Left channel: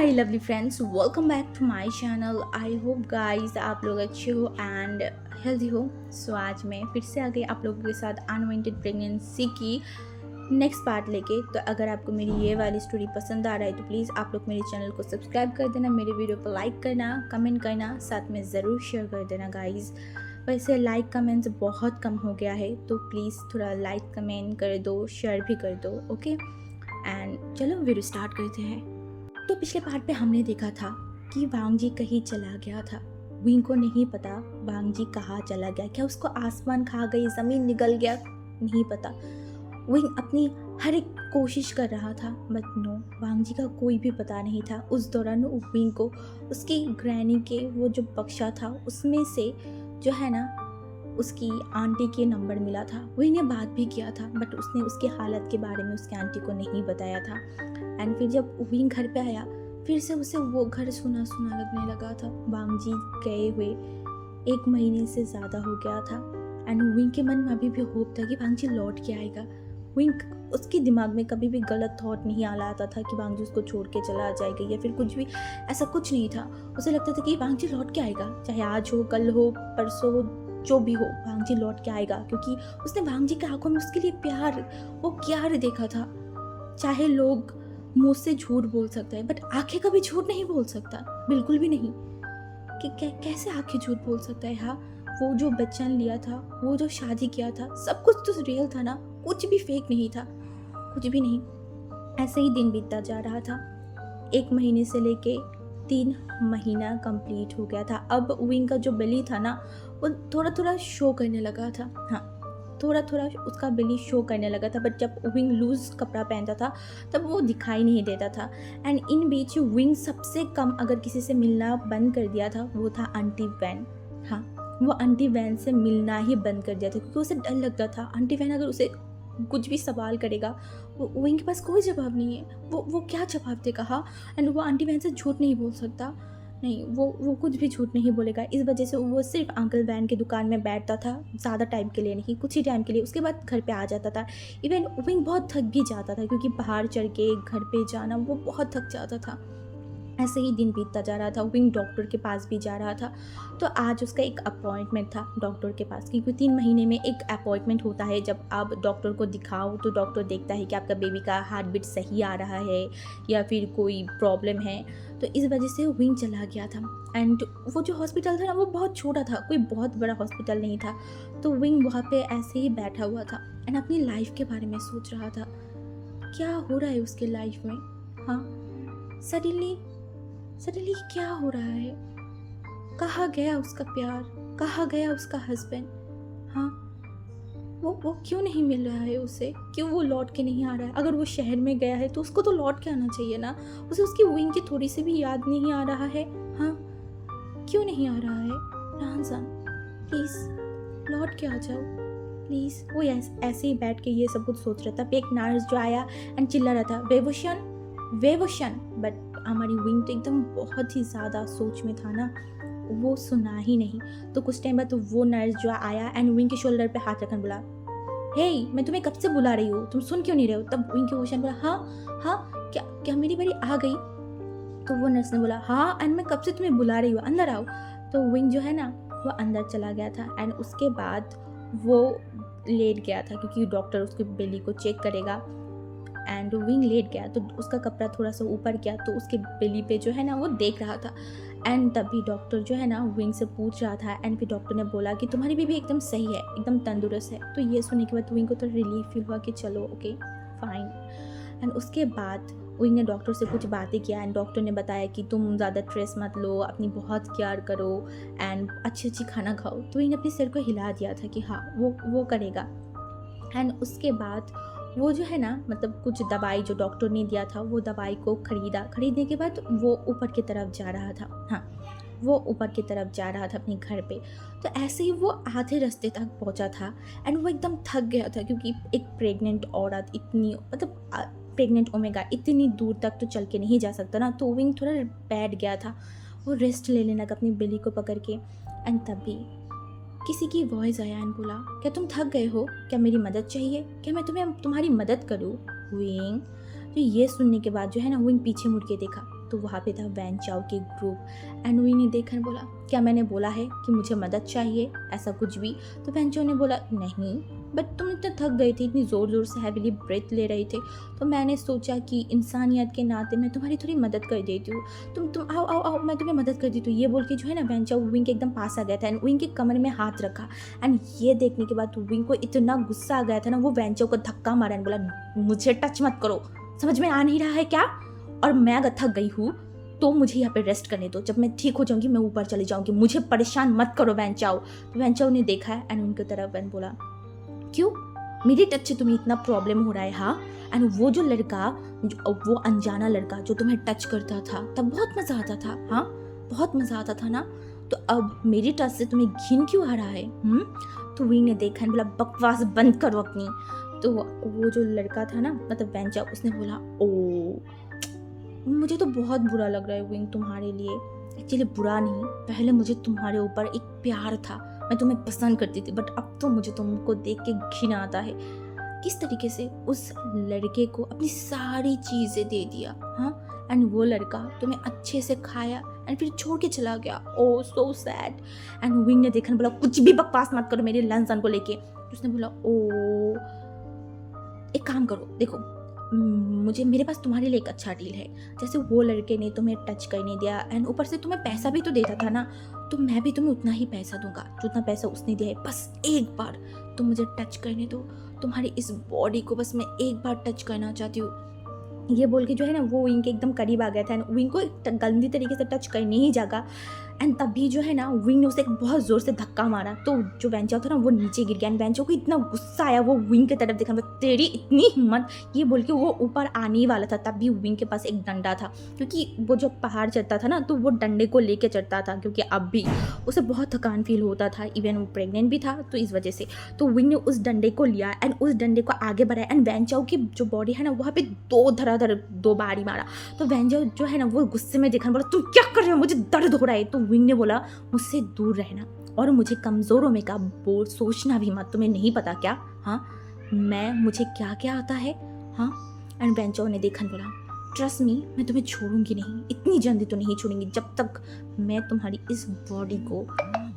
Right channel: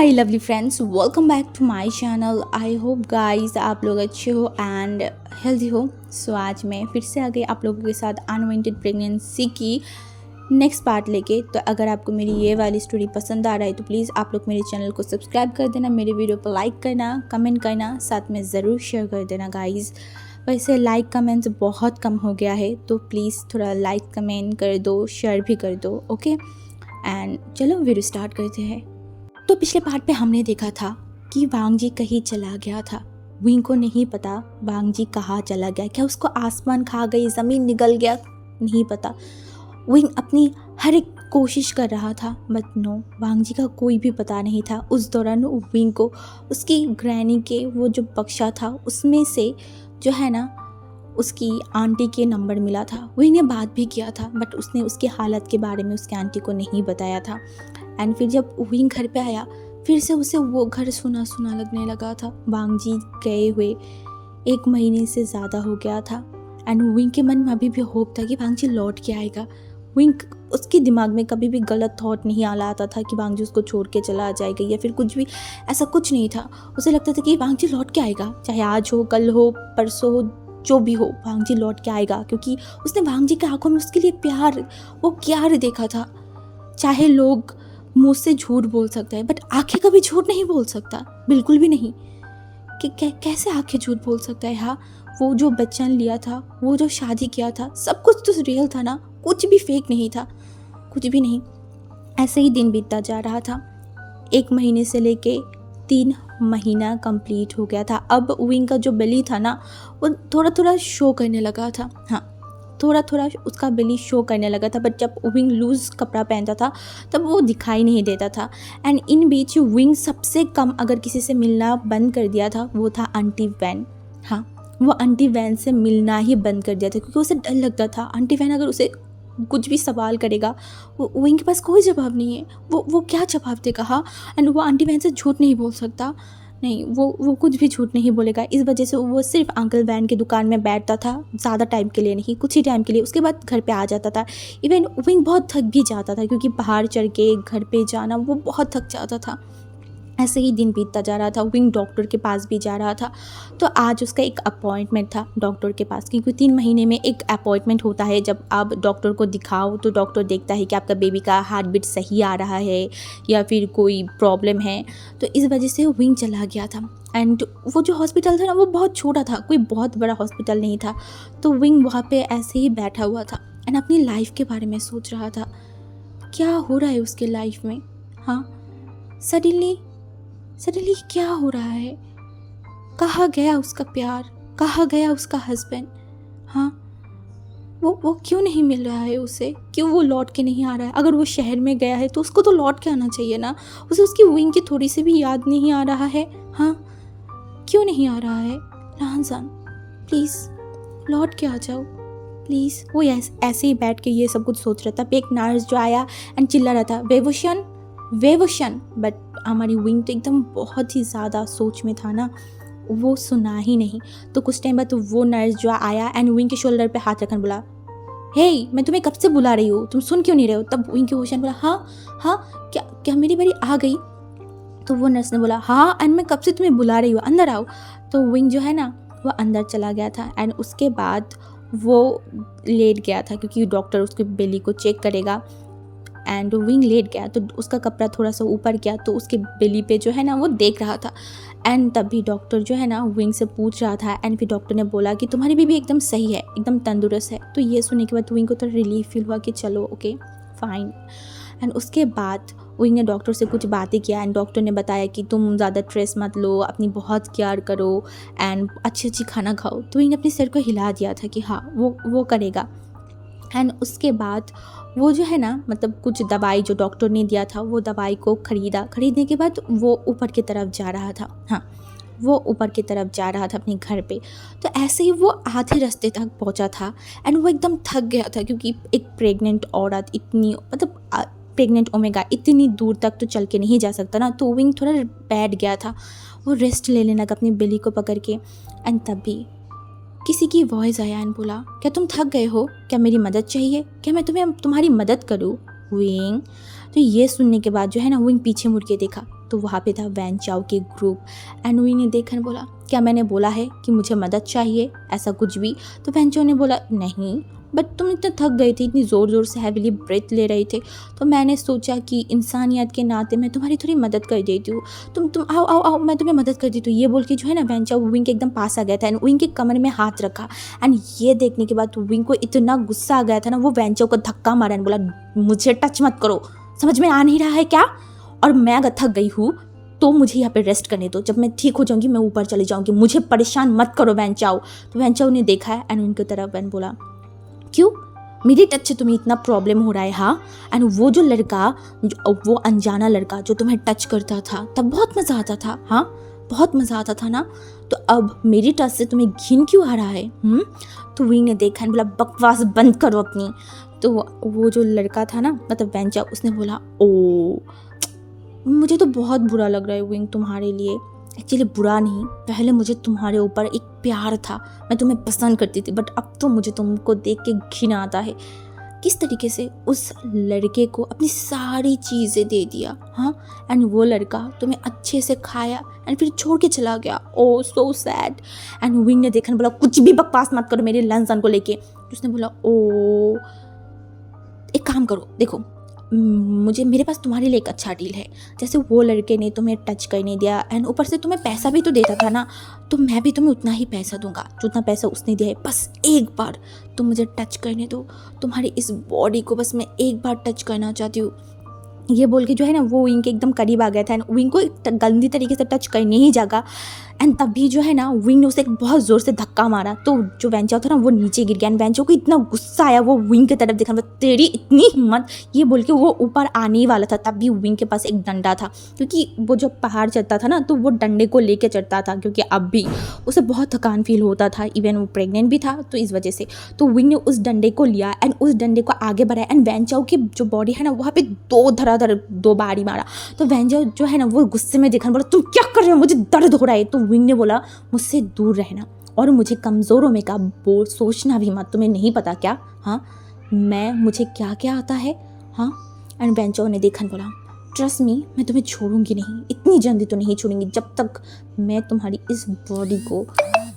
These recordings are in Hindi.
My lovely friends, welcome back to my channel. I hope guys आप लोग अच्छे हो एंड हेल्दी हो। सो आज मैं फिर से आ गई आप लोगों के साथ अनवांटेड प्रेगनेंसी की नेक्स्ट पार्ट लेके। तो अगर आपको मेरी ये वाली स्टोरी पसंद आ रहा है तो प्लीज़ आप लोग मेरे चैनल को सब्सक्राइब कर देना, मेरे वीडियो को लाइक करना, कमेंट करना, साथ में ज़रूर शेयर कर देना गाइज़। वैसे लाइक कमेंट्स बहुत कम हो गया है तो प्लीज़ थोड़ा लाइक कमेंट कर दो, शेयर भी कर दो, ओके। एंड चलो वीडियो स्टार्ट करते हैं। तो पिछले पार्ट पे हमने देखा था कि वांग जी कहीं चला गया था। विंग को नहीं पता वांग जी कहाँ चला गया, क्या उसको आसमान खा गई, ज़मीन निगल गया, नहीं पता। विंग अपनी हर एक कोशिश कर रहा था बट नो, वांग जी का कोई भी पता नहीं था। उस दौरान विंग को उसकी ग्रैनी के वो जो बक्सा था उसमें से जो है ना उसकी आंटी के नंबर मिला था। विंग ने बात भी किया था बट उसने उसकी हालत के बारे में उसकी आंटी को नहीं बताया था। एंड फिर जब विंग घर पे आया फिर से उसे वो घर सुना सुना लगने लगा था। वांग जी गए हुए 1 महीने से ज़्यादा हो गया था एंड विंग के मन में अभी भी होप था कि वांग जी लौट के आएगा। विंग उसके दिमाग में कभी भी गलत थॉट नहीं आ आता था कि वांग जी उसको छोड़ के चला जाएगा या फिर कुछ भी, ऐसा कुछ नहीं था। उसे लगता था कि वांग जी लौट के आएगा, चाहे आज हो, कल हो, परसों हो, जो भी हो, वांग जी लौट के आएगा क्योंकि उसने वांग जी की आंखों में उसके लिए प्यार, वो प्यार देखा था। चाहे लोग मुंह से झूठ बोल सकता है बट आंखें कभी झूठ नहीं बोल सकता, बिल्कुल भी नहीं। कैसे आंखें झूठ बोल सकता है? हाँ, वो जो बच्चन लिया था, वो जो शादी किया था, सब कुछ तो रियल था ना, कुछ भी फेक नहीं था, कुछ भी नहीं। ऐसे ही दिन बीतता जा रहा था। 1 महीने से लेके 3 महीना कंप्लीट हो गया था। अब विंग का जो बेली था ना वो थोड़ा थोड़ा शो करने लगा था। हाँ, थोड़ा थोड़ा उसका बेली शो करने लगा था बट जब विंग लूज़ कपड़ा पहनता था तब वो दिखाई नहीं देता था। एंड इन बीच विंग सबसे कम अगर किसी से मिलना बंद कर दिया था वो था आंटी वैन। हाँ, वो आंटी वैन से मिलना ही बंद कर दिया था क्योंकि उसे डर लगता था आंटी वैन अगर उसे कुछ भी सवाल करेगा, वो विंग के पास कोई जवाब नहीं है, वो क्या जवाब देगा। हाँ, एंड वो आंटी वैन से झूठ नहीं बोल सकता, नहीं, वो कुछ भी झूठ नहीं बोलेगा। इस वजह से वो सिर्फ अंकल वैन की दुकान में बैठता था, ज़्यादा टाइम के लिए नहीं, कुछ ही टाइम के लिए, उसके बाद घर पे आ जाता था। इवन विंग बहुत थक भी जाता था क्योंकि पहाड़ चढ़ के घर पे जाना वो बहुत थक जाता था। ऐसे ही दिन बीतता जा रहा था। विंग डॉक्टर के पास भी जा रहा था। तो आज उसका एक अपॉइंटमेंट था डॉक्टर के पास, क्योंकि 3 महीने में एक अपॉइंटमेंट होता है। जब आप डॉक्टर को दिखाओ तो डॉक्टर देखता है कि आपका बेबी का हार्ट बीट सही आ रहा है या फिर कोई प्रॉब्लम है। तो इस वजह से विंग चला गया था। एंड वो जो हॉस्पिटल था ना वो बहुत छोटा था, कोई बहुत बड़ा हॉस्पिटल नहीं था। तो विंग वहाँ पे ऐसे ही बैठा हुआ था एंड अपनी लाइफ के बारे में सोच रहा था, क्या हो रहा है उसके लाइफ में। हाँ, सडनली क्या हो रहा है? कहाँ गया उसका प्यार, कहाँ गया उसका हस्बैंड? हाँ, वो क्यों नहीं मिल रहा है उसे, क्यों वो लौट के नहीं आ रहा है? अगर वो शहर में गया है तो उसको तो लौट के आना चाहिए ना। उसे उसकी विंग की थोड़ी सी भी याद नहीं आ रहा है। हाँ, क्यों नहीं आ रहा है? राहनजान प्लीज़ लौट के आ जाओ प्लीज़। वो ऐसे ही बैठ के ये सब कुछ सोच रहा था। एक नर्स जो आया एंड चिल्ला रहा था, वेवोशन वेवोशन, बट हमारी विंग तो एकदम बहुत ही ज़्यादा सोच में था ना, वो सुना ही नहीं। तो कुछ टाइम बाद तो वो नर्स जो आया एंड विंग के शोल्डर पे हाथ रखकर बोला, हे मैं तुम्हें कब से बुला रही हूँ, तुम सुन क्यों नहीं रहे हो? तब विंग के ओशन बोला, हाँ, क्या क्या मेरी बारी आ गई? तो वो नर्स ने बोला, हाँ एंड मैं कब से तुम्हें बुला रही हूँ, अंदर आओ। तो विंग जो है ना वो अंदर चला गया था एंड उसके बाद वो लेट गया था क्योंकि डॉक्टर उसके बेली को चेक करेगा। एंड विंग लेट गया तो उसका कपड़ा थोड़ा सा ऊपर गया तो उसके बेली पे जो है ना वो देख रहा था। एंड तभी डॉक्टर जो है ना विंग से पूछ रहा था एंड फिर डॉक्टर ने बोला कि तुम्हारी बेबी एकदम सही है, एकदम तंदुरुस्त है। तो ये सुनने के बाद विंग को तो रिलीफ फील हुआ कि चलो ओके फाइन। एंड उसके बाद विंग ने डॉक्टर से कुछ बातें किया एंड डॉक्टर ने बताया कि तुम ज़्यादा स्ट्रेस मत लो, अपनी बहुत केयर करो एंड अच्छी खाना खाओ। तो विंग ने अपने सिर को हिला दिया था कि हाँ वो करेगा। एंड उसके बाद वो जो है ना मतलब कुछ दवाई जो डॉक्टर ने दिया था वो दवाई को खरीदने के बाद वो ऊपर की तरफ जा रहा था। हाँ, वो ऊपर की तरफ जा रहा था अपने घर पे। तो ऐसे ही वो आधे रास्ते तक पहुंचा था एंड वो एकदम थक गया था क्योंकि एक प्रेग्नेंट औरत इतनी मतलब प्रेग्नेंट ओमेगा इतनी दूर तक तो चल के नहीं जा सकता ना। तो विंग थोड़ा बैठ गया था, वो रेस्ट लेने लगा अपनी बेली को पकड़ के। एंड तभी किसी की वॉइस आया एंड बोला, क्या तुम थक गए हो? क्या मेरी मदद चाहिए? क्या मैं तुम्हारी मदद करूँ? विंग। तो ये सुनने के बाद जो है ना विंग पीछे मुड़ के देखा तो वहाँ पे था वैन चाओ के ग्रुप। एंड विंग ने देखा और बोला, क्या मैंने बोला है कि मुझे मदद चाहिए, ऐसा कुछ भी? तो वैन चाओ ने बोला, नहीं, बट तुम इतने थक गए थे, इतनी ज़ोर ज़ोर से हैविली ब्रेथ ले रहे थे, तो मैंने सोचा कि इंसानियत के नाते मैं तुम्हारी थोड़ी मदद कर देती हूँ। तुम आओ आओ आओ, मैं तुम्हें मदद कर देती हूँ। ये बोल के जो है ना वैन चाओ विंग के एकदम पास आ गया था एंड विंग के कमर में हाथ रखा। एंड ये देखने के बाद विंग को इतना गुस्सा आ गया था ना, वो वैन चाओ को धक्का मारा एंड बोला, मुझे टच मत करो, समझ में आ नहीं रहा है क्या? और मैं अगर थक गई हूँ तो मुझे यहाँ पे रेस्ट करने दो, जब मैं ठीक हो जाऊँगी मैं ऊपर चली जाऊँगी, मुझे परेशान मत करो वैन चाओ। तो वैन चाओ ने देखा है एंड उनकी तरफ वैन बोला, क्यों, मेरी टच से तुम्हें इतना प्रॉब्लम हो रहा है? हाँ। एंड वो जो लड़का, वो अनजाना लड़का जो तुम्हें टच करता था तब बहुत मज़ा आता था, हाँ बहुत मज़ा आता था ना, तो अब मेरी टच से तुम्हें घिन क्यों आ रहा है? तो विंग ने देखा बोला, बकवास बंद करो अपनी। तो वो जो लड़का था ना, मतलब वैन चाओ, उसने बोला, ओ मुझे तो बहुत बुरा लग रहा है विंग तुम्हारे लिए। एक्चुअली बुरा नहीं, पहले मुझे तुम्हारे ऊपर एक प्यार था, मैं तुम्हें पसंद करती थी, बट अब तो मुझे तुमको देख के घिन आता है। किस तरीके से उस लड़के को अपनी सारी चीज़ें दे दिया, हाँ, एंड वो लड़का तुम्हें अच्छे से खाया एंड फिर छोड़ के चला गया। ओ सो सैड। एंड विंग ने देखा, बोला, कुछ भी बकवास मत करो मेरे लंसन को लेके। तो उसने बोला, ओ एक काम करो, देखो मेरे पास तुम्हारे लिए एक अच्छा डील है। जैसे वो लड़के ने तुम्हें टच करने दिया एंड ऊपर से तुम्हें पैसा भी तो देता था ना, तो मैं भी तुम्हें उतना ही पैसा दूंगा जितना पैसा उसने दिया है। बस एक बार तुम मुझे टच करने दो, तुम्हारी इस बॉडी को बस मैं एक बार टच करना चाहती हूँ। ये बोल के जो है ना वो विंग के एकदम करीब आ गया था एंड विंग को गंदी तरीके से टच करने ही जगह। एंड तभी जो है ना विंग ने उसे एक बहुत ज़ोर से धक्का मारा, तो जो वैन चाओ था ना वो नीचे गिर गया एंड वैन चाओ को इतना गुस्सा आया, वो विंग की तरफ देखा, तेरी इतनी हिम्मत, ये बोल के वो ऊपर आने ही वाला था। तब भी विंग के पास एक डंडा था, क्योंकि वो जब पहाड़ चढ़ता था ना तो वो डंडे को लेके चढ़ता था, क्योंकि अब भी उसे बहुत थकान फील होता था, इवन वो प्रेग्नेंट भी था तो इस वजह से। तो विंग ने उस डंडे को लिया एंड उस डंडे को आगे बढ़ाया एंड वैन चाओ की जो बॉडी है ना वहाँ पे दो बारी मारा। तो वैन चाओ जो है ना वो गुस्से में देखा, बोला, तुम क्या कर रहे हो, मुझे दर्द हो रहा है। तो विंग ने बोला, मुझसे दूर रहना और मुझे कमज़ोरों में का बोल सोचना भी मत, तुम्हें नहीं पता क्या, हाँ मुझे क्या क्या आता है, हाँ। एंड वैन चाओ ने देखा, बोला, ट्रस्ट मी, मैं तुम्हें छोड़ूंगी नहीं, इतनी जल्दी तो नहीं छोड़ूंगी, जब तक मैं तुम्हारी इस बॉडी को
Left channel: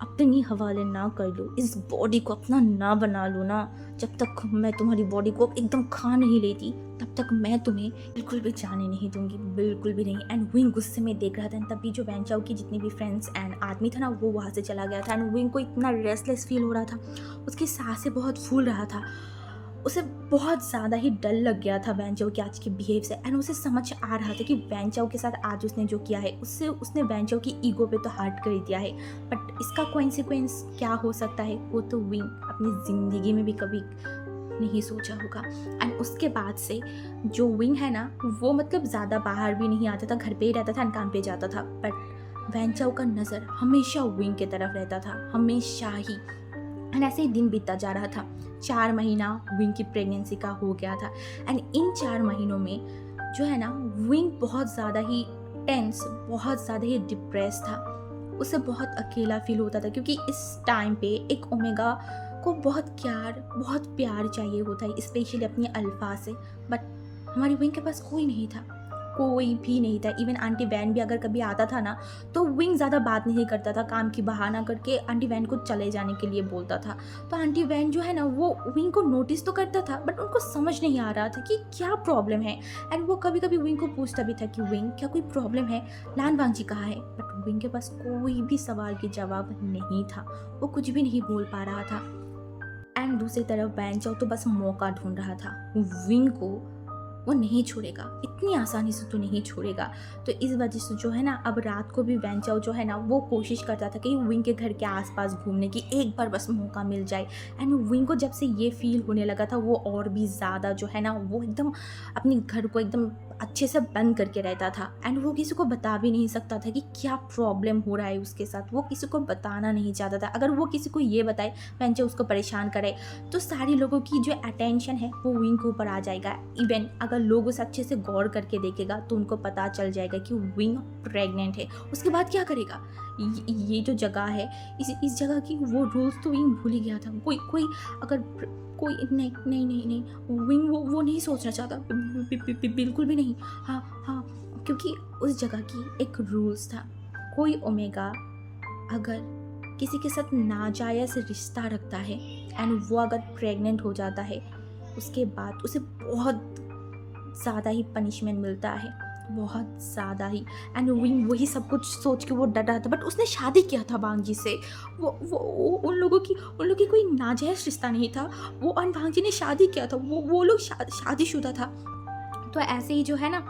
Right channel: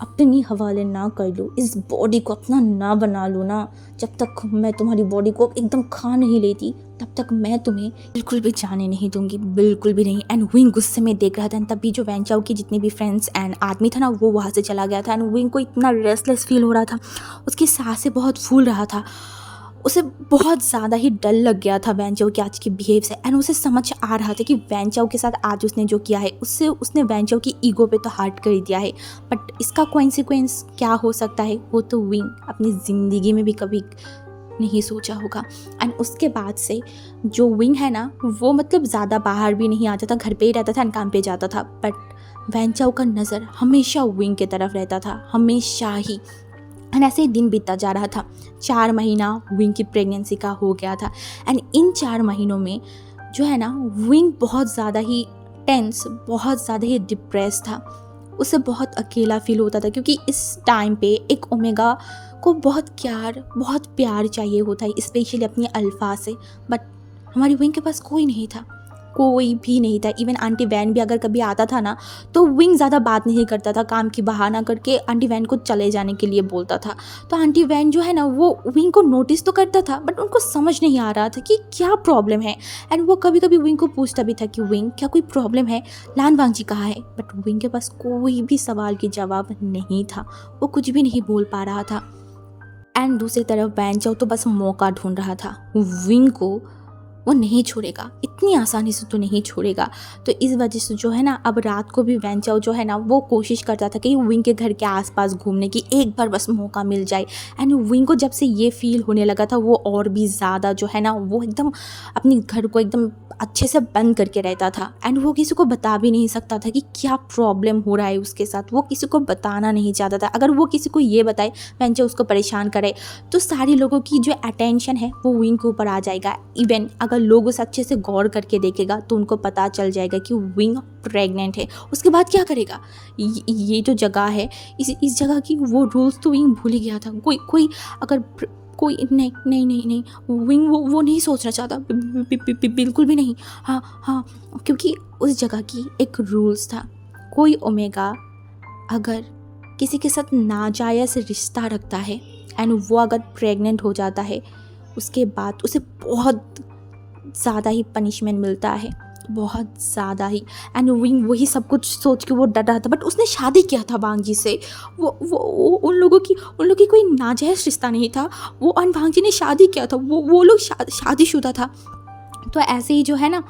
अपनी हवाले ना कर लूँ, इस बॉडी को अपना ना बना लूँ ना, जब तक मैं तुम्हारी बॉडी को एकदम खा नहीं लेती तब तक मैं तुम्हें बिल्कुल भी जाने नहीं दूंगी, बिल्कुल भी नहीं। एंड विंग गुस्से में देख रहा था एंड तभी जो वैन चाओ की जितने भी फ्रेंड्स एंड आदमी था ना वो वहाँ से चला गया था एंड विंग को इतना रेस्टलेस फील हो रहा था, उसकी सांसें बहुत फूल रहा था, उसे बहुत ज़्यादा ही डर लग गया था वैन चाओ के आज के बिहेव से। एंड उसे समझ आ रहा था कि वैन चाओ के साथ आज उसने जो किया है उससे उसने वैन चाओ की ईगो पे तो हर्ट कर दिया है, बट इसका कॉन्सिक्वेंस क्या हो सकता है वो तो विंग अपनी ज़िंदगी में भी कभी नहीं सोचा होगा। एंड उसके बाद से जो विंग है ना वो मतलब ज़्यादा बाहर भी नहीं आता था, घर पे ही रहता था एंड काम पे जाता था, बट वैन चाओ का नज़र हमेशा विंग की तरफ रहता था, हमेशा ही। एंड ऐसे ही दिन बीतता जा रहा था, 4 महीना विंग की प्रेगनेंसी का हो गया था। एंड इन 4 महीनों में जो है ना विंग बहुत ज़्यादा ही टेंस, बहुत ज़्यादा ही डिप्रेस था, उसे बहुत अकेला फील होता था, क्योंकि इस टाइम पे एक ओमेगा को बहुत प्यार चाहिए होता है, स्पेशली अपनी अल्फा से, बट हमारी विंग के पास कोई नहीं था, कोई भी नहीं था। इवन आंटी वैन भी अगर कभी आता था ना तो विंग ज़्यादा बात नहीं करता था, काम की बहाना करके आंटी वैन को चले जाने के लिए बोलता था। तो आंटी वैन जो है ना वो विंग को नोटिस तो करता था, बट उनको समझ नहीं आ रहा था कि क्या प्रॉब्लम है। एंड वो कभी कभी विंग को पूछता भी था कि विंग क्या कोई प्रॉब्लम है, लान वांग जी कहाँ है, बट विंग के पास कोई भी सवाल के जवाब नहीं था, वो कुछ भी नहीं बोल पा रहा था। एंड दूसरी तरफ वैन चाओ तो बस मौका ढूंढ रहा था, विंग को वो नहीं छोड़ेगा, इतनी आसानी से तो नहीं छोड़ेगा। तो इस वजह से जो है ना अब रात को भी वैन चाओ जो है ना वो कोशिश करता था कि विंग के घर के आसपास घूमने की एक बार बस मौका मिल जाए। एंड विंग को जब से ये फील होने लगा था वो और भी ज़्यादा जो है ना वो एकदम अपने घर को एकदम अच्छे से बंद करके रहता था। एंड वो किसी को बता भी नहीं सकता था कि क्या प्रॉब्लम हो रहा है उसके साथ, वो किसी को बताना नहीं चाहता था। अगर वो किसी को ये बताए वैन चाओ उसको परेशान करे तो सारे लोगों की जो अटेंशन है वो विंग के ऊपर आ जाएगा। इवन अगर लोग उसे अच्छे से गौर करके देखेगा तो उनको पता चल जाएगा कि विंग प्रेग्नेंट है। उसके बाद क्या करेगा? ये जो जगह है, इस जगह की वो रूल्स तो विंग भूल ही गया था। कोई अगर कोई नहीं नहीं नहीं नहीं विंग वो नहीं सोचना चाहता, बिल्कुल भी नहीं। हाँ हाँ, क्योंकि उस जगह की एक रूल्स था, कोई ओमेगा अगर किसी के साथ नाजायज़ रिश्ता रखता है एंड वो अगर प्रेग्नेंट हो जाता है, उसके बाद उसे बहुत ज़्यादा ही पनिशमेंट मिलता है, बहुत ज़्यादा ही। एंड विंग वही सब कुछ सोच के वो डर रहा था, बट उसने शादी किया था वांगजी से। वो उन लोगों की कोई नाजायज़ रिश्ता नहीं था, वो और वांगजी ने शादी किया था, वो लोग शादीशुदा था। तो ऐसे ही जो है ना,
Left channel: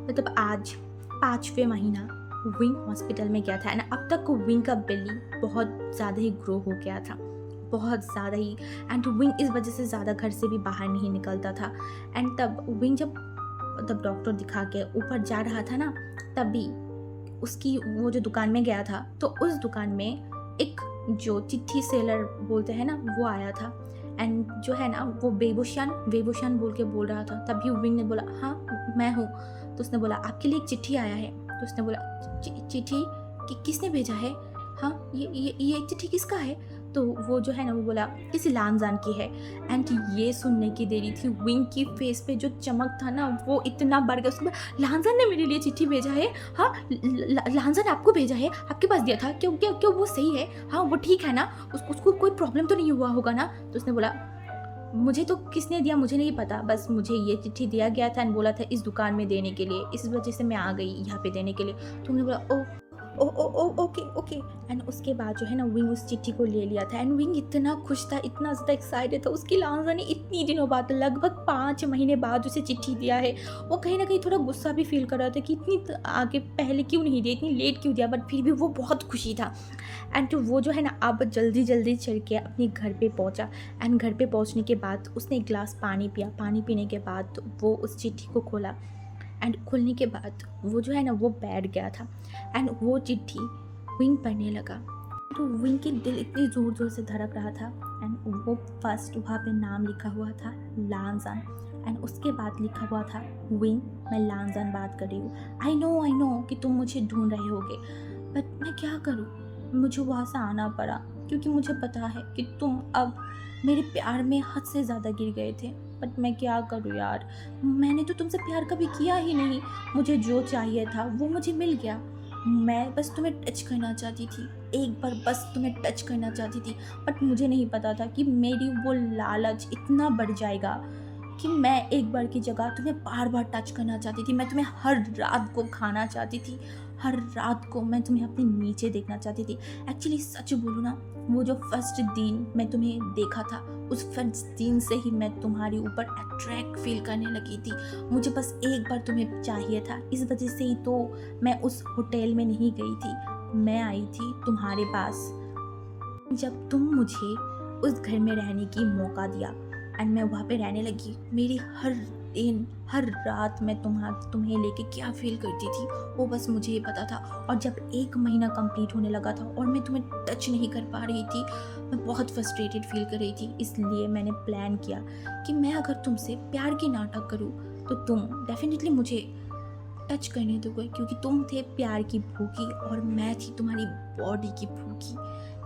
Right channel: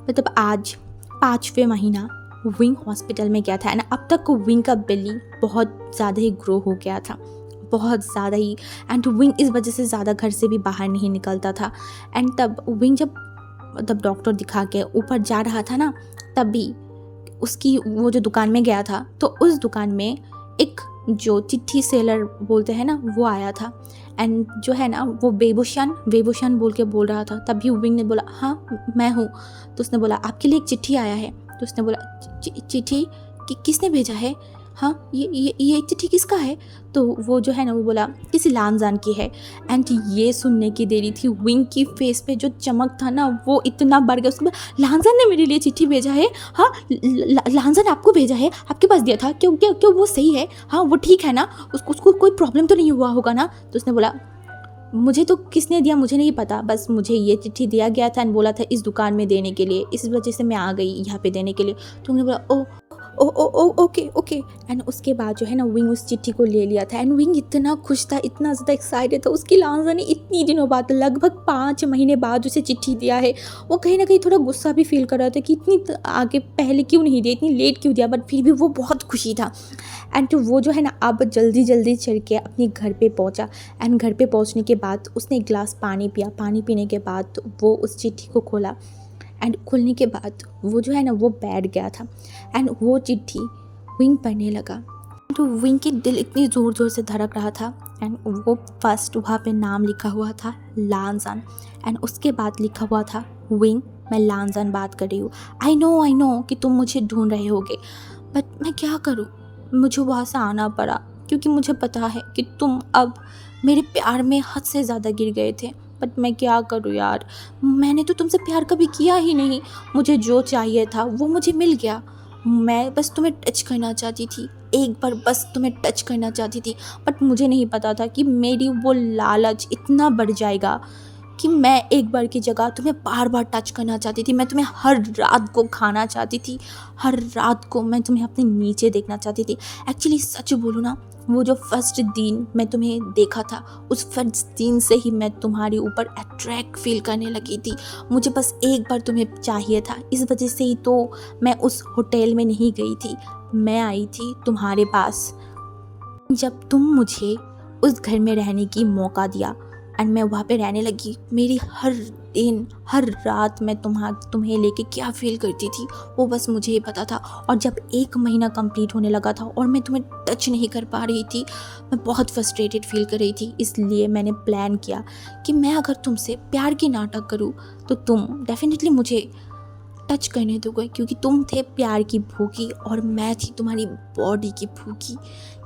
मतलब आज 5वें महीना विंग हॉस्पिटल में गया था एंड अब तक विंग का बेली बहुत ज़्यादा ही ग्रो हो गया था, बहुत ज़्यादा ही। एंड विंग इस वजह से ज़्यादा घर से भी बाहर नहीं निकलता था। एंड तब विंग जब डॉक्टर दिखा के ऊपर जा रहा था ना, तब भी उसकी वो जो दुकान में गया था, तो उस दुकान में एक जो चिट्ठी सेलर बोलते हैं ना, वो आया था। एंड जो है ना, वो बेबूशन बोल के बोल रहा था। तभी विंग ने बोला हाँ मैं हूँ। तो उसने बोला आपके लिए एक चिट्ठी आया है। तो उसने बोला चिट्ठी किसने भेजा है? हाँ ये चिट्ठी किसका है? तो वो जो है ना, वो बोला किसी लानजान की है। एंड ये सुनने की देरी थी, विंग की फेस पे जो चमक था ना वो इतना बढ़ गया। उसमें लानजान ने मेरे लिए चिट्ठी भेजा है? हाँ लानजान आपको भेजा है, आपके पास दिया था, क्यों वो सही है? हाँ वो ठीक है ना, उसको कोई प्रॉब्लम तो नहीं हुआ होगा ना? तो उसने बोला मुझे तो किसने दिया मुझे नहीं पता, बस मुझे ये चिट्ठी दिया गया था एंड बोला था इस दुकान में देने के लिए, इस वजह से मैं आ गई यहाँ पे देने के लिए। तो उन्होंने बोला ओ ओके। एंड उसके बाद जो है ना, विंग उस चिट्ठी को ले लिया था एंड विंग इतना खुश था, इतना ज़्यादा एक्साइटेड था। उसकी लांजा ने इतनी दिनों बाद, लगभग 5 महीने बाद उसे चिट्ठी दिया है। वो कहीं ना कहीं थोड़ा गुस्सा भी फील कर रहा था कि इतनी आगे पहले क्यों नहीं दिया, इतनी लेट क्यों दिया, बट फिर भी वो बहुत खुशी था। एंड तो वो जो है ना, अब जल्दी चढ़ के अपने घर पे पहुंचा। एंड घर पे पहुंचने के बाद उसने एक गिलास पानी पिया। पानी पीने के बाद वो उस चिट्ठी को खोला एंड खुलने के बाद वो जो है ना, वो बैठ गया था एंड वो चिट्ठी विंग पढ़ने लगा। तो विंग की दिल इतनी ज़ोर से धड़क रहा था एंड वो फर्स्ट वहाँ पे नाम लिखा हुआ था लानजान एंड उसके बाद लिखा हुआ था विंग मैं लानजान बात कर रही हूँ। आई नो कि तुम मुझे ढूंढ रहे होगे, बट मैं क्या करूँ, मुझे वहाँ से आना पड़ा क्योंकि मुझे पता है कि तुम अब मेरे प्यार में हद से ज़्यादा गिर गए थे। बट मैं क्या करूँ यार, मैंने तो तुमसे प्यार कभी किया ही नहीं। मुझे जो चाहिए था वो मुझे मिल गया। मैं बस तुम्हें टच करना चाहती थी, एक बार बस तुम्हें टच करना चाहती थी। बट मुझे नहीं पता था कि मेरी वो लालच इतना बढ़ जाएगा कि मैं एक बार की जगह तुम्हें बार बार टच करना चाहती थी। मैं तुम्हें हर रात को खाना चाहती थी, हर रात को मैं तुम्हें अपने नीचे देखना चाहती थी। एक्चुअली सच बोलूँ ना, वो जो फर्स्ट दिन मैं तुम्हें देखा था, उस फर्स्ट दिन से ही मैं तुम्हारे ऊपर अट्रैक्ट फील करने लगी थी। मुझे बस एक बार तुम्हें चाहिए था, इस वजह से ही तो मैं उस होटल में नहीं गई थी, मैं आई थी तुम्हारे पास। जब तुम मुझे उस घर में रहने की मौका दिया एंड मैं वहाँ पे रहने लगी, मेरी हर दिन हर रात मैं तुम्हें लेके क्या फील करती थी वो बस मुझे ही पता था। और जब 1 महीना कंप्लीट होने लगा था और मैं तुम्हें टच नहीं कर पा रही थी, मैं बहुत फ्रस्ट्रेटेड फील कर रही थी। इसलिए मैंने प्लान किया कि मैं अगर तुमसे प्यार की नाटक करूँ तो तुम डेफिनेटली मुझे टच करने दोगे, क्योंकि तुम थे प्यार की भूखी और मैं थी तुम्हारी बॉडी की भूखी।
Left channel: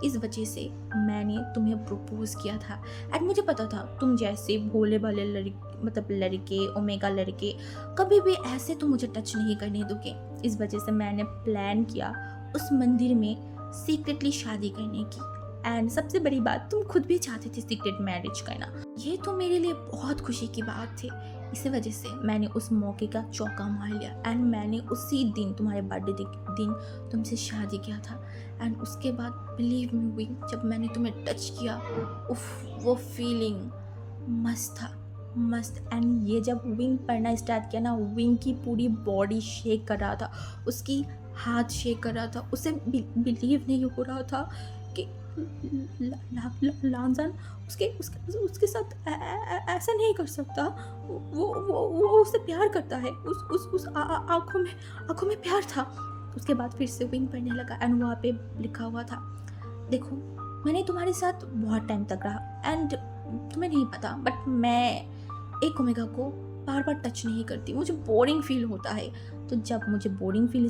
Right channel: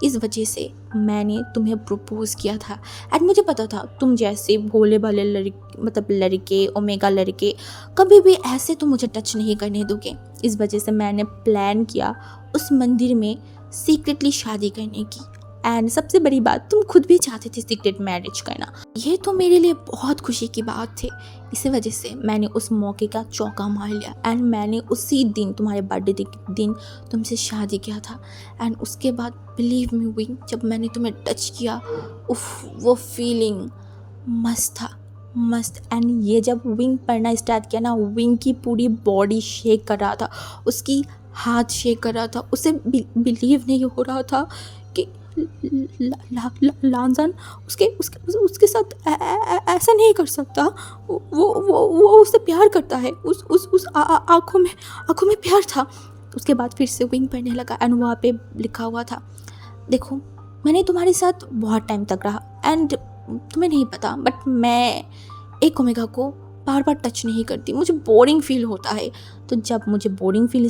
इस वजह से मैंने तुम्हें प्रपोज किया था एंड मुझे पता था तुम जैसे भोले भाले लड़के ओमेगा लड़के कभी भी ऐसे तो मुझे टच नहीं करने दोगे। इस वजह से मैंने प्लान किया उस मंदिर में सीक्रेटली शादी करने की। एंड सबसे बड़ी बात, तुम खुद भी चाहते थे सीक्रेट मैरिज करना। ये तो मेरे लिए बहुत खुशी की बात थी। इसी वजह से मैंने उस मौके का चौका मार लिया एंड मैंने उसी दिन, तुम्हारे बर्थडे के दिन, तुमसे शादी किया था। एंड उसके बाद बिलीव मी विंग, जब मैंने तुम्हें टच किया, उफ, वो फीलिंग मस्त था, मस्त। एंड ये जब विंग पढ़ना स्टार्ट किया ना, विंग की पूरी बॉडी शेक कर रहा था, उसकी हाथ शेक कर रहा था। उसे बिलीव नहीं हो रहा था कि लानजान उसके साथ ऐसा नहीं कर सकता। वो उससे प्यार करता है, उस आँखों में प्यार था। उसके बाद फिर से विंग पढ़ने लगा एंड वहाँ पे लिखा हुआ था, देखो मैंने तुम्हारे साथ बहुत टाइम तक रहा एंड तुम्हें नहीं पता, बट मैं एक ओमेगा को बार बार टच नहीं करती, मुझे बोरिंग फील होता है। तो जब मुझे बोरिंग फील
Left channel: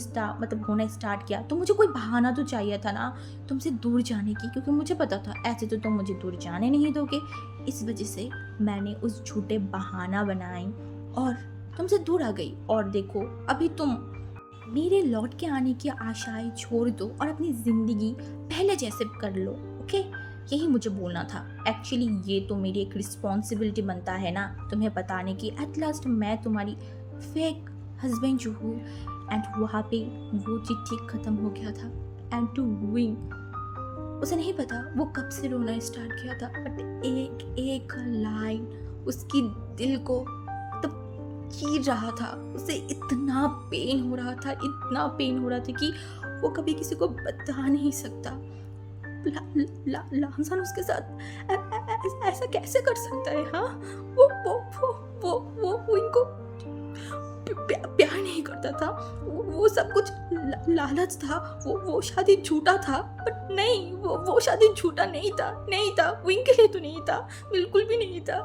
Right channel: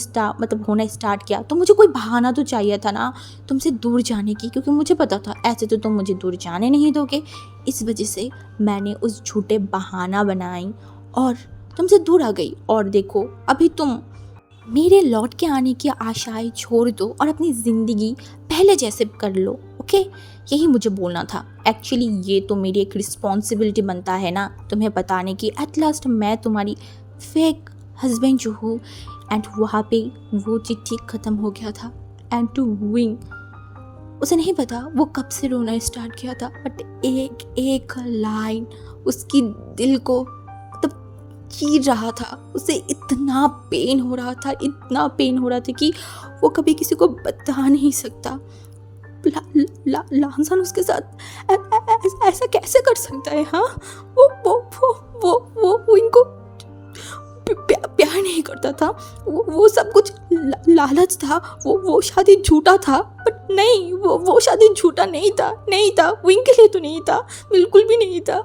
होना स्टार्ट किया तो मुझे कोई बहाना तो चाहिए था ना तुमसे दूर जाने की, क्योंकि मुझे पता था ऐसे तो तुम मुझे दूर जाने नहीं दोगे। इस वजह से मैंने उस झूठे बहाना बनाई और तुमसे दूर आ गई। और देखो अभी तुम मेरे लौट के आने की आशाएं छोड़ दो और अपनी ज़िंदगी पहले जैसे कर लो, ओके। यही मुझे बोलना था। एक्चुअली ये तो मेरी एक रिस्पॉन्सिबिलिटी बनता है ना तुम्हें बताने की। एट लास्ट मैं तुम्हारी फेक हस्बैंड जो हूँ। एंड वहाँ पे वो चिट्ठी ख़त्म हो गया था। एंड टू विंग, उसे नहीं पता वो कब से रोना स्टार्ट किया था, बट एक एक लाइन उसकी दिल को चीर रहा था। उसे इतना पेन हो रहा था, इतना पेन हो रहा था कि वो कभी किसी को बता नहीं सकता। लांसन उसके साथ ऐसा कैसे कर सकता है? हाँ, वो इनको प्यार नहीं करता था। वो सब कुछ लालच था। वो शादी झूठा था, बट नहीं, वो शादी झूठा नहीं था। विंग के लिए तो नहीं था, बिल्कुल भी नहीं था।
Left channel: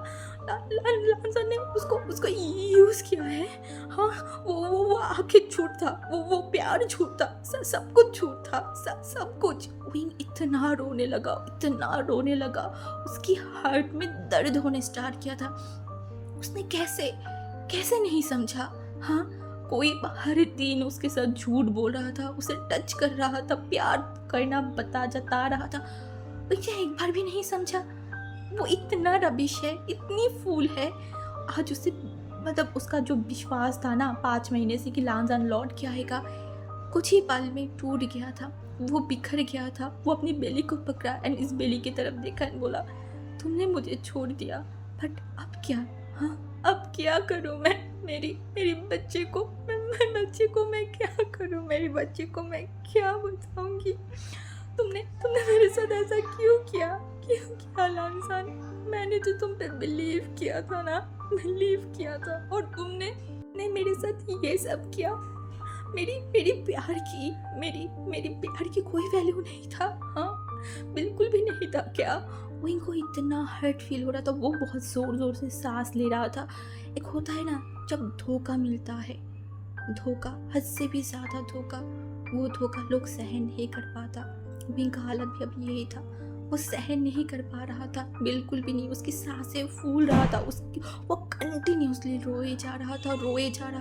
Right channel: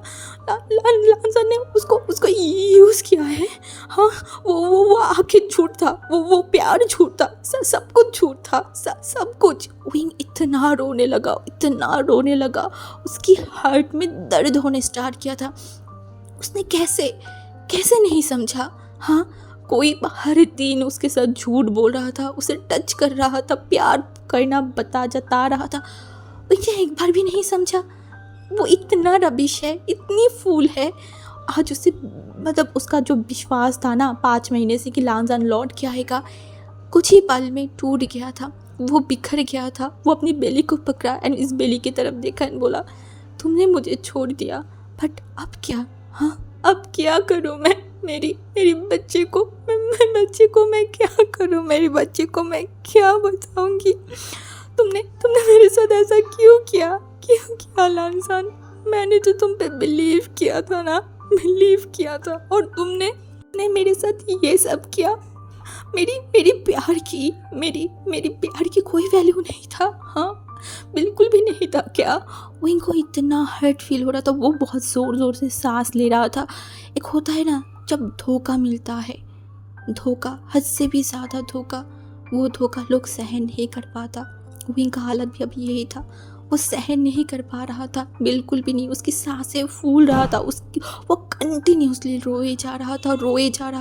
लांसन ने उसको यूज किया है। हाँ, वो आखिर झूठ था, वो प्यार झूठ था, सब कुछ झूठ था, सब कुछ। विंग इतना रोने लगा, उसकी हार्ट में दर्द होने स्टार्ट किया था। उसने कैसे नहीं समझा? हाँ, कोई हर दिन उसके साथ झूठ बोल रहा था, उसे टच कर रहा था, प्यार करना जता रहा था, उसे एक बार भी नहीं समझा। वो इतना रबिश है, इतनी फूल है। आज उसे उसका जो विश्वास था ना 5 महीने से कि लांसन लौट के आएगा, कुछ ही पल में टूट गया था। वो बिखर गया था। वो अपनी बेली को पकड़ा एंड इस बेली की तरफ देखा एंड बोला, तुमने मुझे छोड़ दिया, बट अब क्या? हाँ, अब क्या करूँ मैं? मेरी बच्चे को मैं क्या करूँ? मेरे बच्चे को मैं क्या बताऊंगी? तुमने मेरे साथ ऐसा क्यों किया लांसन? मैंने तो तुम पे बिलीव किया था और तुमने मेरे साथ ये सब किया। मेरी प्यार की कोई वैल्यू नहीं था। हाँ, बिल्कुल भी नहीं था क्या? वो इनको इतना हर्ट फील हो रहा था। वो बहुत ज़ोर से सांस ले रहा था। एक होता है ना जब धोखा मिलता है, धोखा, हद से भी ज़्यादा धोखा, वो धोखा लोग सहन नहीं कर पाता। विंग का हालत भी अभी यही था। वो सहन नहीं कर पा रहा था, बिल्कुल भी नहीं। उसकी सांसें फूल रहा था, वो कंटिन्यूसली रोए जा रहा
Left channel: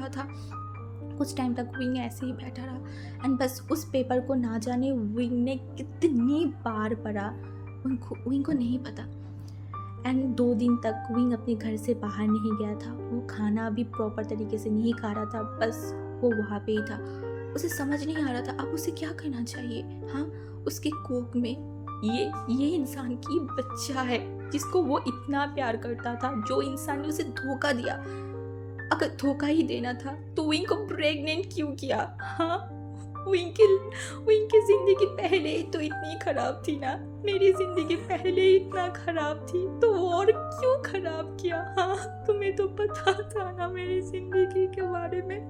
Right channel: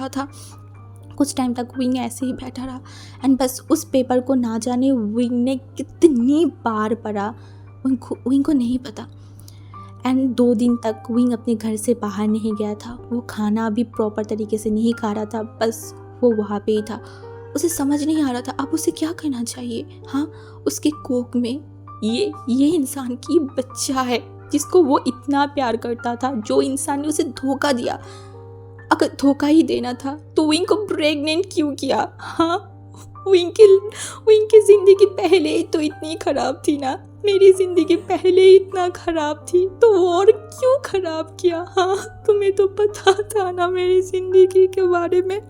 था। कुछ टाइम तक विंग ऐसे ही बैठा रहा एंड बस उस पेपर को ना जाने विंग ने कितनी बार पढ़ा, विंग को नहीं पता। एंड 2 दिन तक विंग अपने घर से बाहर नहीं गया था। वो खाना भी प्रॉपर तरीके से नहीं खा रहा था, बस वो वहाँ पे ही था। उसे समझ नहीं आ रहा था अब उसे क्या करना चाहिए। हाँ, उसके कोख में ये इंसान की बच्चा है जिसको वो इतना प्यार करता था, जो इंसान ने उसे धोखा दिया। अगर धोखा ही देना था तो विंग को प्रेग्नेंट क्यों किया? हाँ, विंग की जिंदगी पहले ही तो इतनी खराब थी ना, मेरी जिंदगी पहले ही इतना खराब थी, तो और क्यों खराब किया? हाँ, तुम्हें तो पता था ना मेरी जिंदगी के बारे में।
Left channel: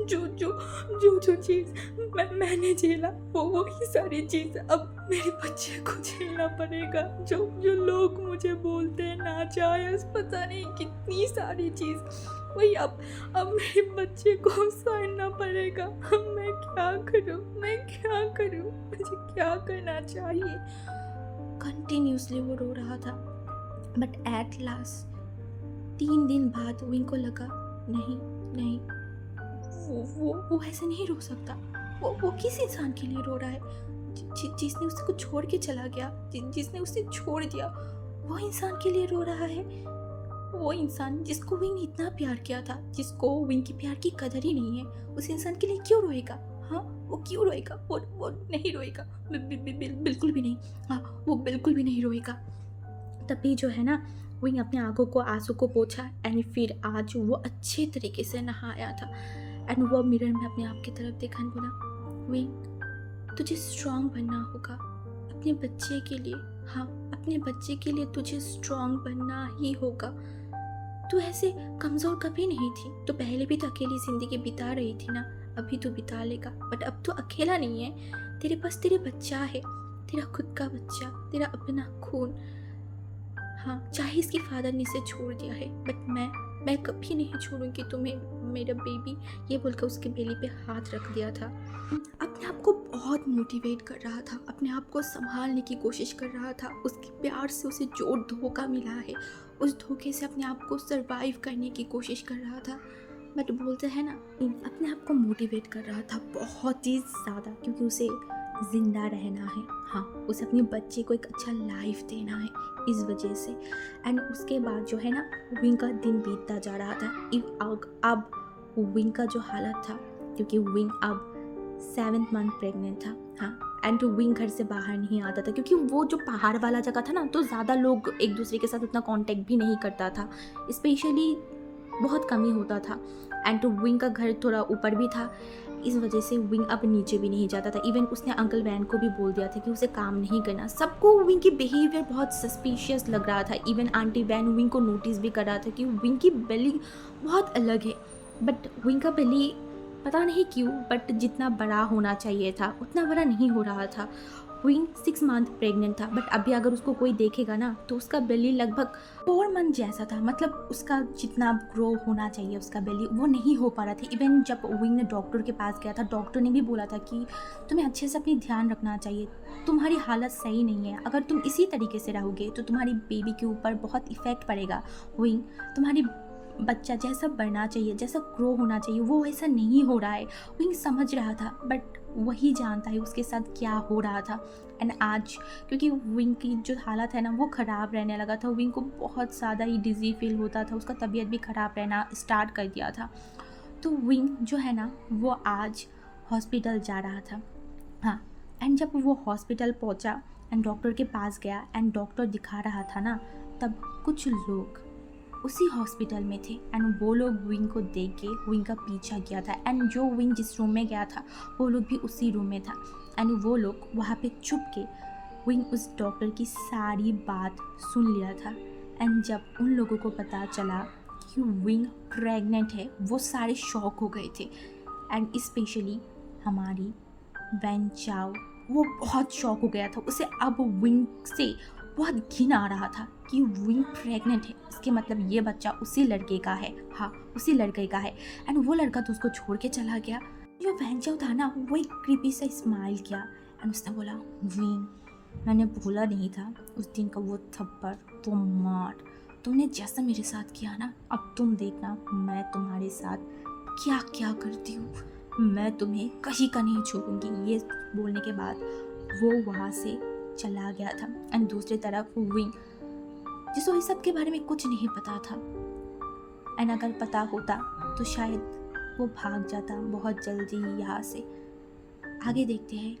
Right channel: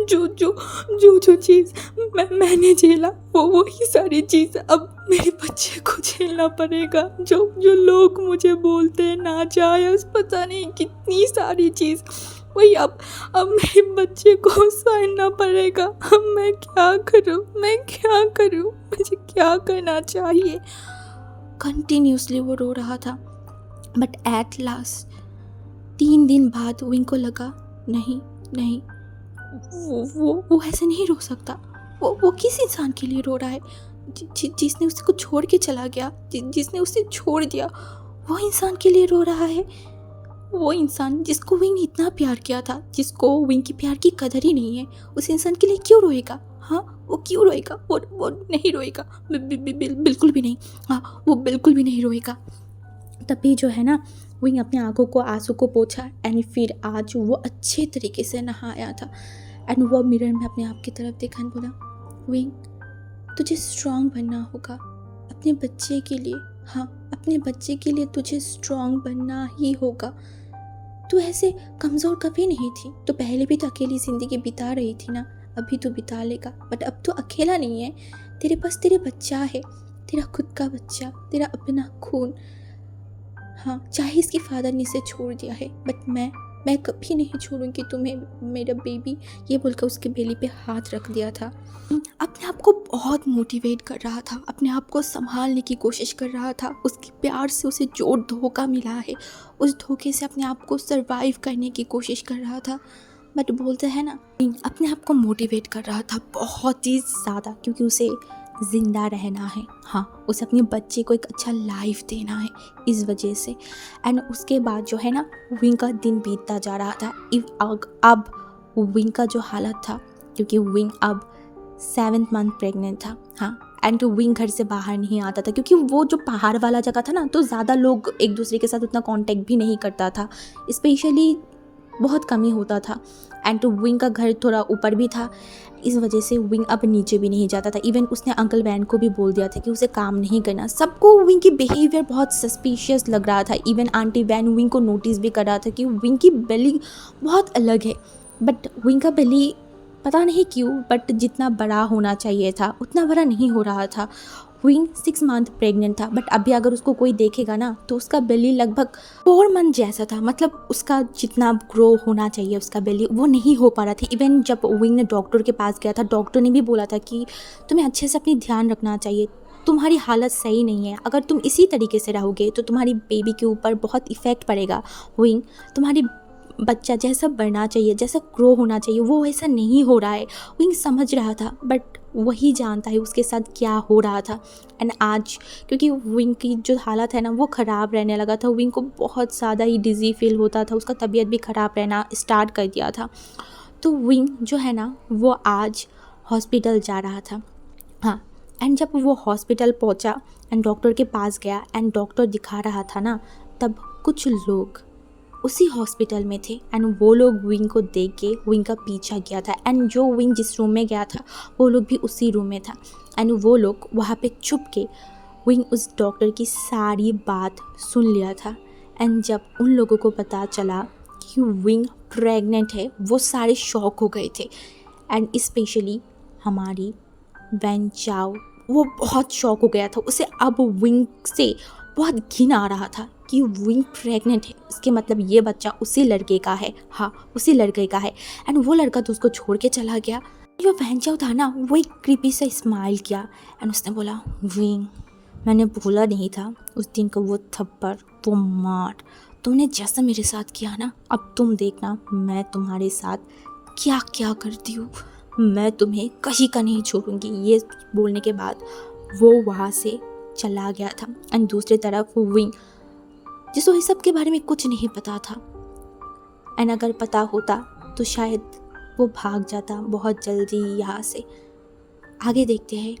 जो चीज़ मैंने झेला वो ही सारी चीज़ अब मेरे बच्चे को झेलना पड़ेगा। जो लोग मुझे बोलते हैं नाजायज़, पता नहीं कितनी सारी चीज़, वही अब मेरे बच्चे को सहना पड़ेगा। अब मैं क्या करूं? मुझे क्या करना चाहिए? कंटिन्यूसली वो रो रहा था, बट एट लास्ट 3 दिन बाद विंग को लगा नहीं, वो ऐसे नहीं रो सकता। वो किस इंसान के लिए रो रहा है? जिसने उसको छोड़ के चला गया, जिसने उसे छोड़ दिया, वो इंसान के लिए रो रहा है। वो इंसान जिसको विंग ने इतना प्यार किया था, जिसको विंग की प्यार की कदर ही नहीं है, उस इंसान के लिए क्यों रोएगा? हाँ, वो क्यों रोएगा? वो नहीं रोएगा, बिल्कुल भी नहीं। हाँ, वो बिल्कुल भी नहीं रोएगा। तभी जो है ना, विंग अपने आंखों को आंसू को पोंछा एंड फिर आज वो अच्छे तरीके से नहाया था एंड वो मिरर में अपने आप की तरफ देखा और बोला, विंग, तुझे स्ट्रॉन्ग बनना होगा अपने बच्चे के लिए। हाँ, अपने बच्चे के लिए तुझे स्ट्रॉन्ग बनना ही होगा। तू ऐसे कमज़ोर कभी नहीं थी, तो पहले भी तो अकेली ज़िंदगी बिता रही थी ना, अभी तो बिता लेगा, बट अब तो अकेला नहीं है। तेरे पास तेरे बच्चा है, तेरा खुद का बच्चा, तेरा अपना खून। हाँ, चाहे इसकी फादर ने इसे छोड़ दिया है, बट मैं कभी नहीं छोड़ूंगी तुम्हें मेरा बेबी, ये बोलकर उसके बेली पे हाथ रख दिया था। अपने आप को बहुत मोटिवेट कर रहा था, अपने आप को संभालने की कोशिश कर रहा था। उसके प्यार से उसे जो धोखा मिला है, उस धोखे से अपने आप को सरवाइव करने की कोशिश कर रहा था। बट बोलते हैं ना, अपने आप को मोटिवेट कर रहा था बहुत ही ज़्यादा, क्योंकि उसे ज़िंदा रहना है। हाँ, उसे अपने बच्चे को एक अच्छा लाइफ देना है, इस वजह से। एंड उसके बाद जो है ना, विंग का दिन बीतता जा रहा था। अब विंग का जो हालत था, क्योंकि विंग अब 7th मंथ प्रेग्नेंट था। हाँ, एंड विंग घर से बाहर नहीं आता था, क्योंकि वो जो पहाड़ वाला जगह था ना, तो ज़्यादा लोग एक दूसरे के साथ उतना कांटेक्ट भी नहीं करता था, स्पेशली बहुत कम ही होता था। एंड विंग का घर थोड़ा ऊपर भी था, इस वजह से विंग अब नीचे भी नहीं जाता था। इवन उसने अंकल वैन को भी बोल दिया था कि उसे काम नहीं करना। सबको विंग की बिहेवियर बहुत सस्पिशियस लग रहा था। इवन आंटी वैन विंग को नोटिस भी कर रहा था कि विंग की बेली बहुत अलग है। बट विंग का बेली पता नहीं क्यों, बट जितना बड़ा होना चाहिए था उतना बड़ा नहीं हो रहा था। विंग 6 मंथ प्रेग्नेंट था, बट अभी अगर उसको कोई देखेगा ना, तो उसका बेली लगभग 4 मंथ जैसा था। मतलब उसका जितना ग्रो होना चाहिए उसका बेली, वो नहीं हो पा रहा था। इवन जब विंग ने डॉक्टर के पास गया था, डॉक्टर ने भी बोला था कि तुम्हें अच्छे से अपनी ध्यान रखना चाहिए, तुम्हारी हालत सही नहीं है। अगर तुम इसी तरीके से रहोगे तो तुम्हारी बेबी के ऊपर बहुत इफ़ेक्ट पड़ेगा। विंग, तुम्हारी बच्चा जैसा बढ़ना चाहिए, जैसा ग्रो होना चाहिए, वो वैसा नहीं हो रहा है। विंग समझ रहा था, बट वही जानता है उसके साथ क्या हो रहा था। एंड आज क्योंकि विंग की जो हालत है ना, वो ख़राब रहने लगा था। विंग को बहुत ज़्यादा ही डिज़ी फील होता था, उसका तबीयत भी ख़राब रहना स्टार्ट कर दिया था। तो विंग जो है ना, वो आज हॉस्पिटल जा रहा था। हाँ, एंड जब वो हॉस्पिटल पहुंचा एंड डॉक्टर के पास गया एंड डॉक्टर दिखा रहा था ना, तब कुछ लोग उसी हॉस्पिटल में थे। एंड वो लोग विंग को देख के विंग का पीछा किया था। एंड जो विंग जिस रूम में गया था, वो लोग भी उसी रूम में था। एंड वो लोग वहाँ पे छुप के विंग उस डॉक्टर की सारी बात सुन लिया था। एंड जब उन लोगों को पता चला कि विंग प्रेग्नेंट है, वो सारे शॉक हो गए थे। एंड स्पेशली हमारी वैन चाओ, वो बहुत शॉक हो गया था। उसे अब विंग से बहुत घिन आ रहा था कि विंग प्रेग्नेंट है, इसके मतलब ये बच्चा उसी लड़के का है। हाँ, उसी लड़के का है। एंड वो लड़का तो उसको छोड़ के चला गया। जो वैन चाओ था ना, वो एक क्रीपी सा स्माइल किया एंड उसने बोला, विंग, मैंने भूला नहीं था उस दिन का वो थप्पड़, वो मार, तुमने जैसा मेरे साथ किया ना, अब तुम देखना मैं तुम्हारे साथ क्या क्या करती हूँ। मैं तुम्हें कहीं का नहीं छोड़ूंगी। ये बोलने के बाद वो वहाँ से चला गया था। एंड दूसरी तरफ विंग, जिसको इस सब के बारे में कुछ नहीं पता था, एंड अगर पता होता तो शायद वो भाग जाता बहुत जल्दी यहाँ से। आगे देखते हैं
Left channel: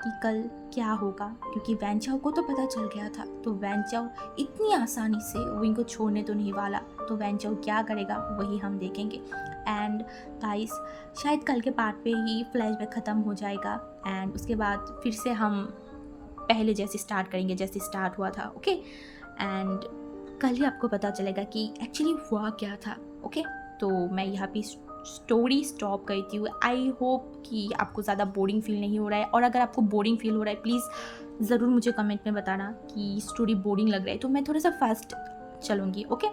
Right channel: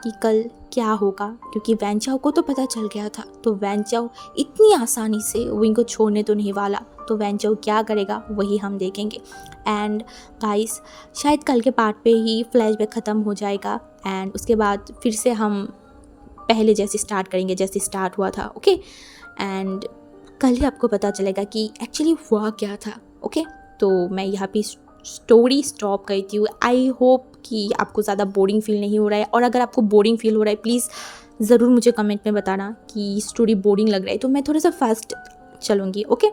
कि कल क्या होगा, क्योंकि वैन चाओ को तो पता चल गया था। तो वैन चाओ इतनी आसानी से विंग को छोड़ने तो नहीं वाला। तो वैन चाओ क्या करेगा वही हम देखेंगे। एंड गाइस, शायद कल के पार्ट पे ही फ्लैशबैक ख़त्म हो जाएगा एंड उसके बाद फिर से हम पहले जैसे स्टार्ट करेंगे जैसे स्टार्ट हुआ था। ओके, एंड कल ही आपको पता चलेगा कि एक्चुअली हुआ क्या था। ओके, तो मैं यहाँ पे स्टोरी स्टॉप करती हूँ। आई होप कि आपको ज़्यादा बोरिंग फील नहीं हो रहा है, और अगर आपको बोरिंग फील हो रहा है प्लीज़ ज़रूर मुझे कमेंट में बताना कि स्टोरी बोरिंग लग रहा है, तो मैं थोड़ा सा फास्ट चलूँगी। ओके।